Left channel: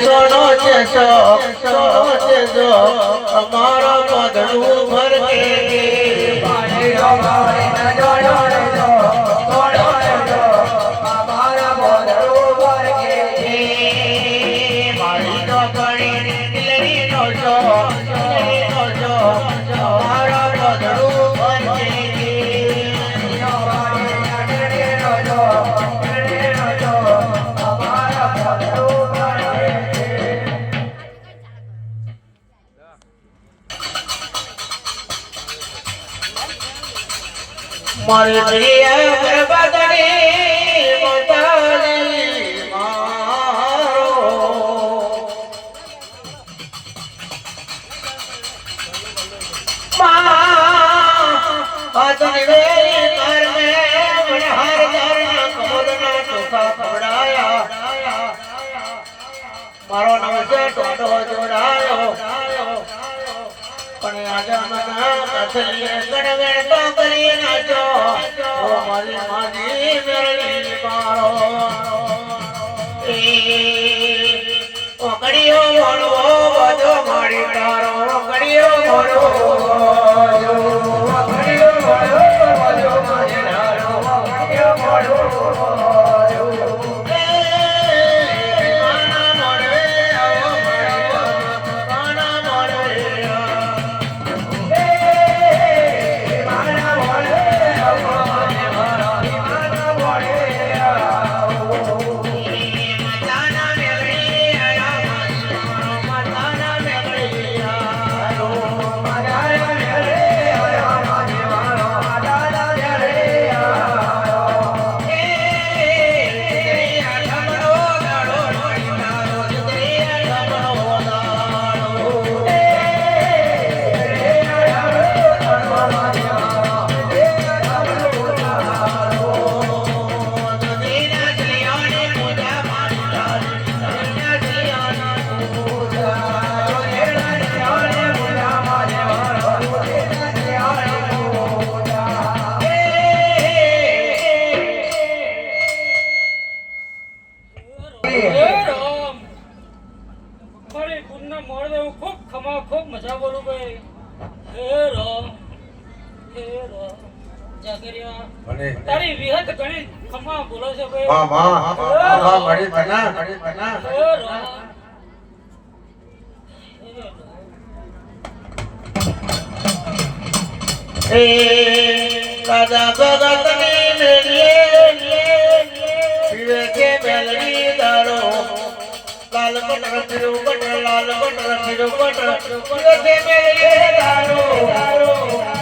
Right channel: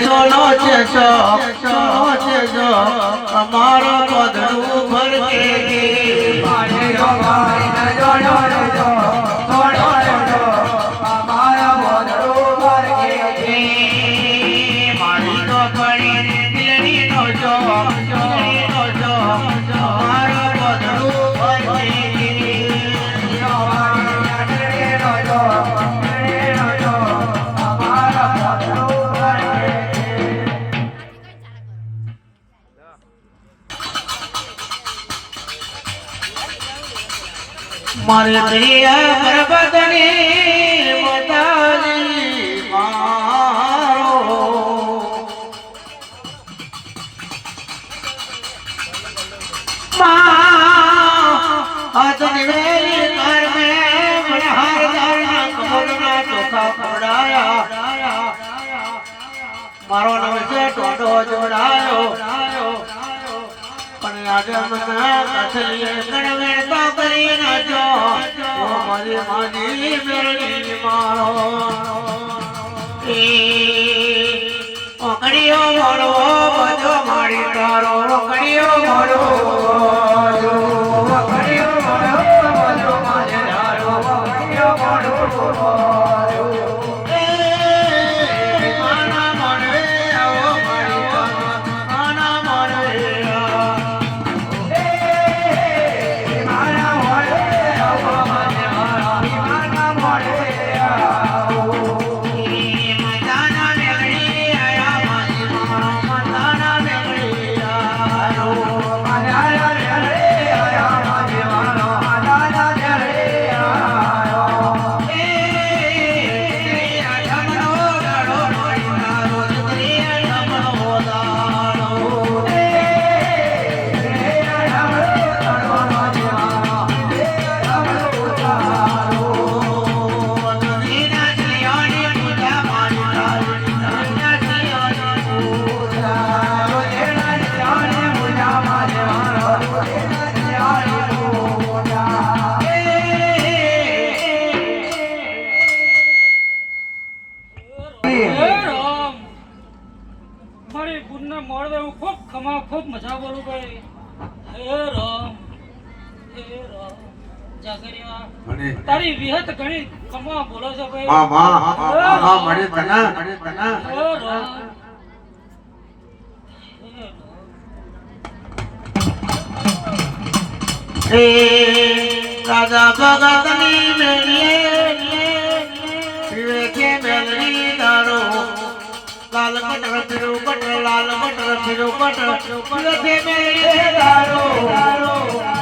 સોનો છે સો સોનો છે જો અમારા નામ ટોટો જોડાયો. પણ આજે મને અસલીએ ગણવેણ તો કરી નાખો ઓ મારી માની મેળવી મારો એ ઓકડીઓ મોડો બધો મારી તારો. ઓકડીઓ મોડો ઓકડીઓ મોડવો બધો મોડવે હું ખૂબ ખમા ખૂબ મજા બોલું ભાઈ. હે રામ હે રામ. જાગરિયા તારી વિહત ઘણી ખમા બોલો છે ભાઈ. હે હે રામ. એ રાજા ભગતની મેળીએ బటర్ పిరు బటర్ లాల్ బటర్ పిరు బటర్ పిరు దేమే దారు దారు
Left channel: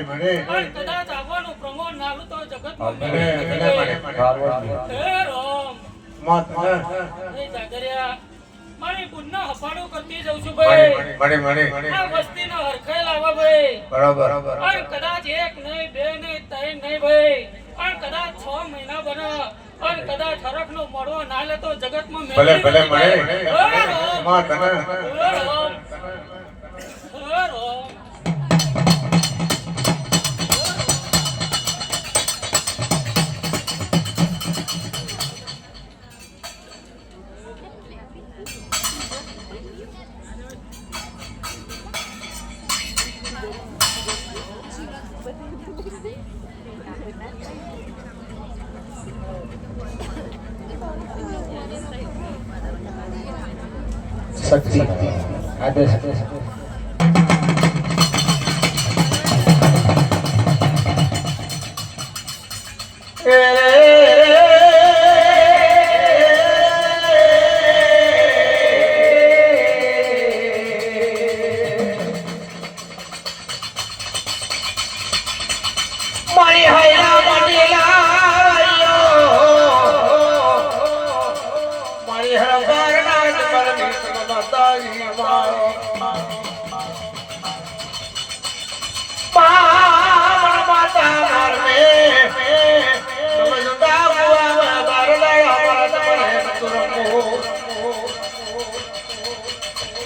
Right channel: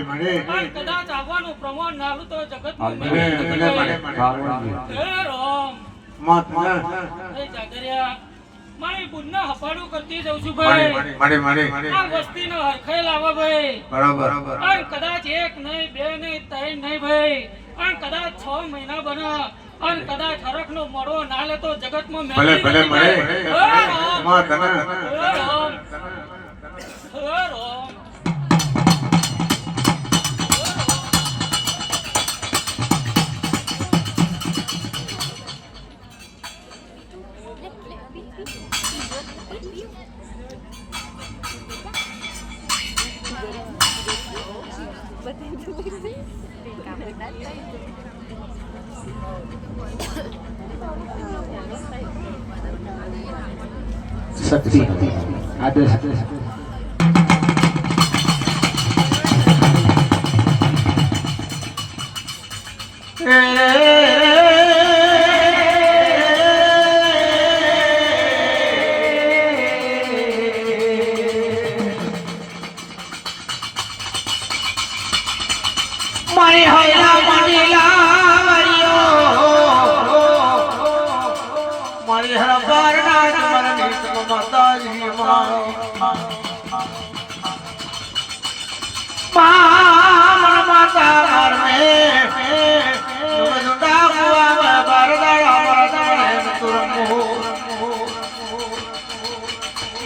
મને પણ કદાચ આવવાનું પ્રમાણ નાલું તો જગતમાં નથી મને ભાઈ. હે રામમાં હે જાગરિયા. મારી પુન્ન હફાડો કરતી જઉં છું ભાઈ. મને મને આ વસ્તીનો હરખાઈ લાવા ભાઈ. બરાબર. પણ કદાચ એક નહીં બે નહીં ત્રણ નહીં ભાઈ. પણ કદાચ છ મહિના બના. અને કદાચ હરખનો મળો ના લે તો જગતમાં ભલે મેળવી ભલે નથી શક્તિ આદેશ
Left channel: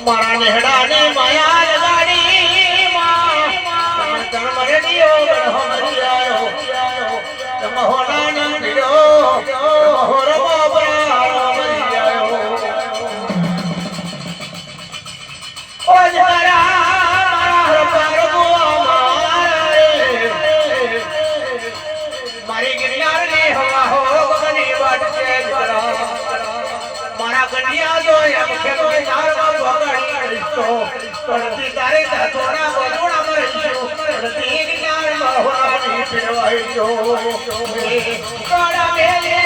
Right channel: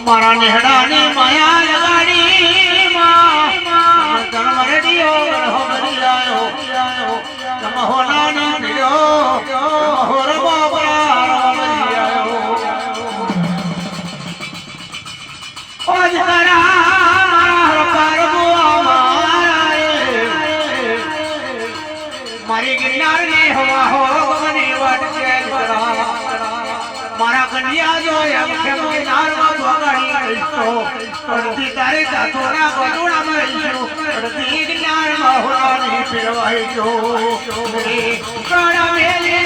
મારા નેહડાની તો પડતી તારે સાસોના ગોળા મરીશું પડતી ગિરનારમાં હોવાની ફેરવાઈ જો ગાડા મેલે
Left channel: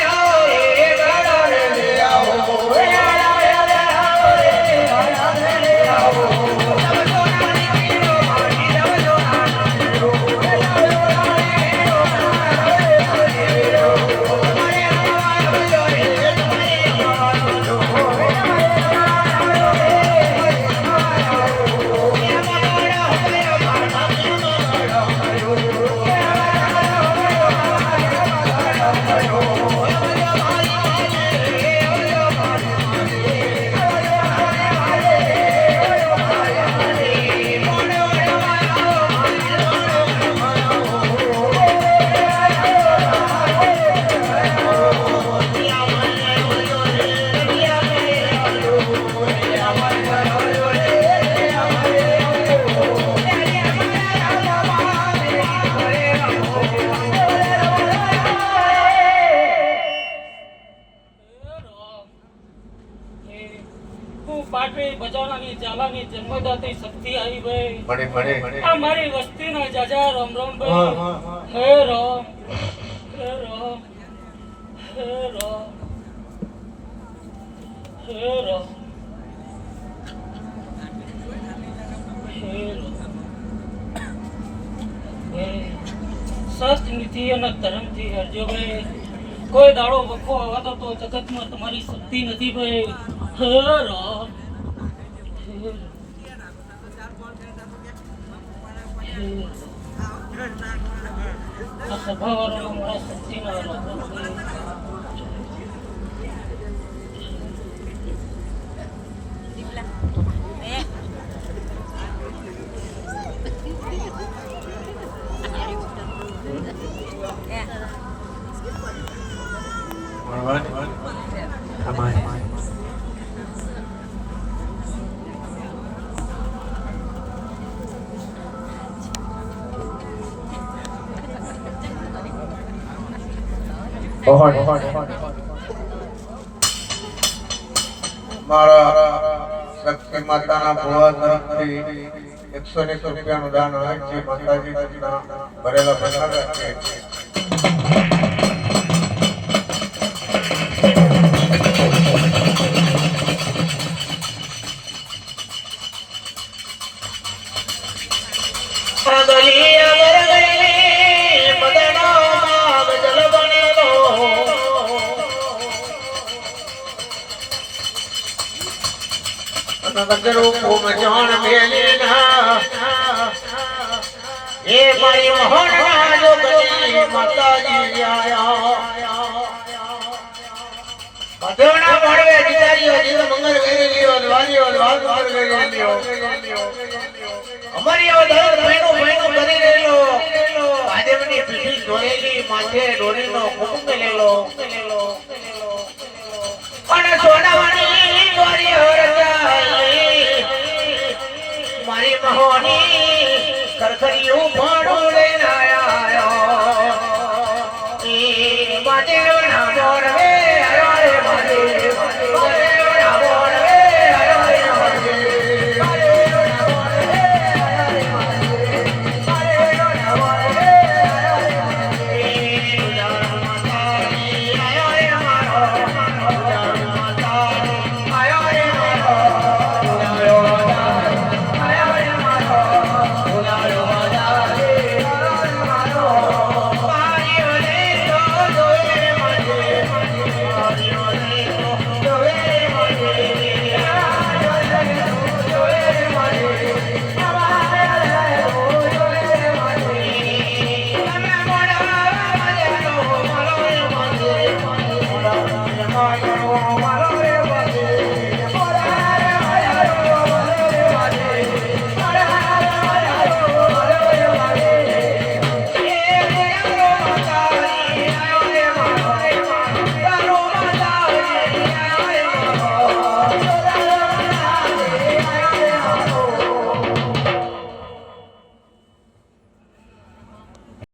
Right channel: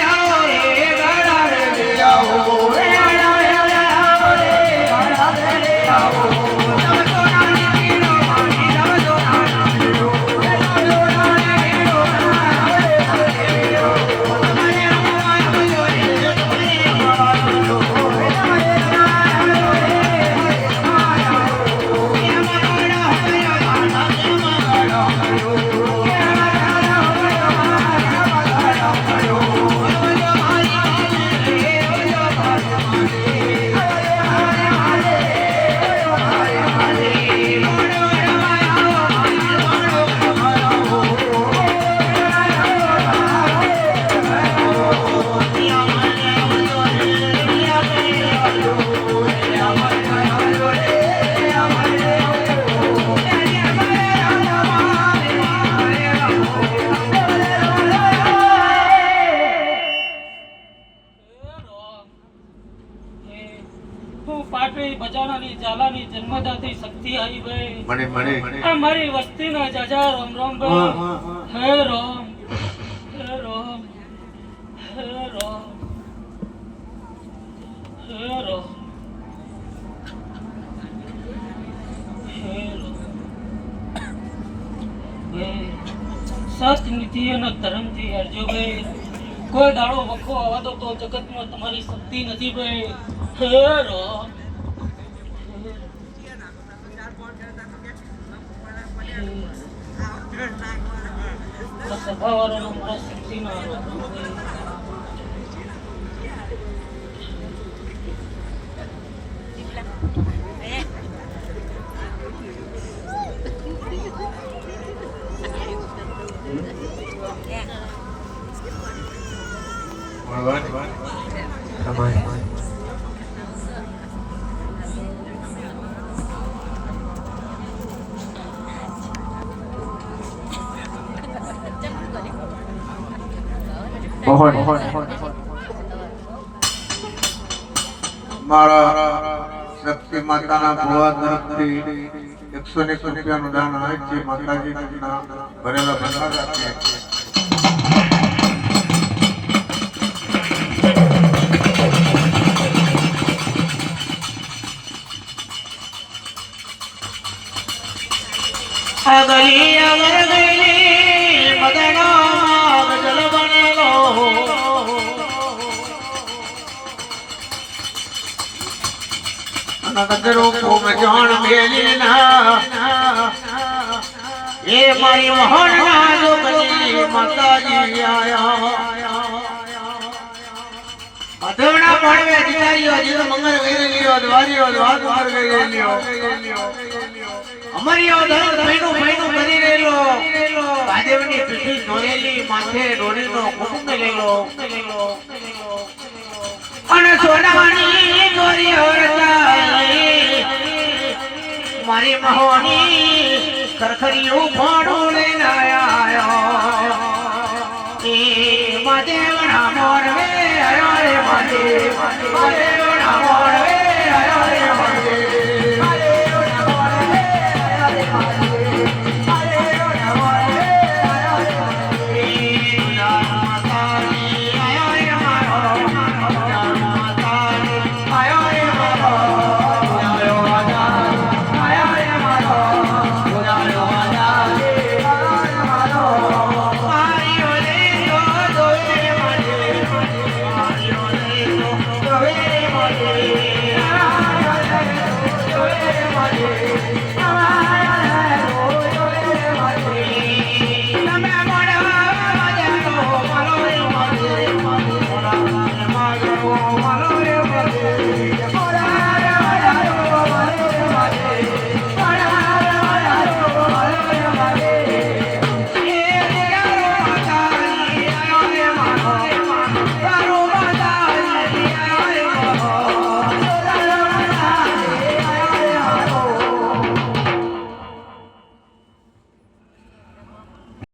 ભણે મને. આ મારી વસ્તીના જાજા રામ રામ રામ. હે રામ હે રામ હે રામ હે રામ. ભાઈ સત નીતિ અને ધર્મથી હરજો ભાઈ. કોઈ દાડો વખો આવતો તો જગતમાં તમારી શક્તિ નથી ભાઈ. હે Ram. sa bawal What, what, what? ભાઈ. મારા શક્તિ માતાના ભુવા તરફથી એકસો ને એકસો રૂપિયાનું દાન હોય છે માતાજી ભરેલા અગલી અગર ગયેલી નગરો કોમ જાણ મેલી ના એ મારી મોહન ના જોગની માતાજી આયા અધોણા પડવે અધિકારીઓ જીવ મંગળ વેરેલીઓ દ્વારીઓ દ્વાર દ્વાર વેરેલીઓ અમારી આ મહિનો મહિનો કરી રહેલો. ભાજપની પીઠી દોરેલી માથે દોરેલો કુટુંબ લેલો અને સોનાની મહોની ખરખરિયું ભોણું લઈને આયા એ માદેવના મોરવે હરે મહાદેવ મહાદેવ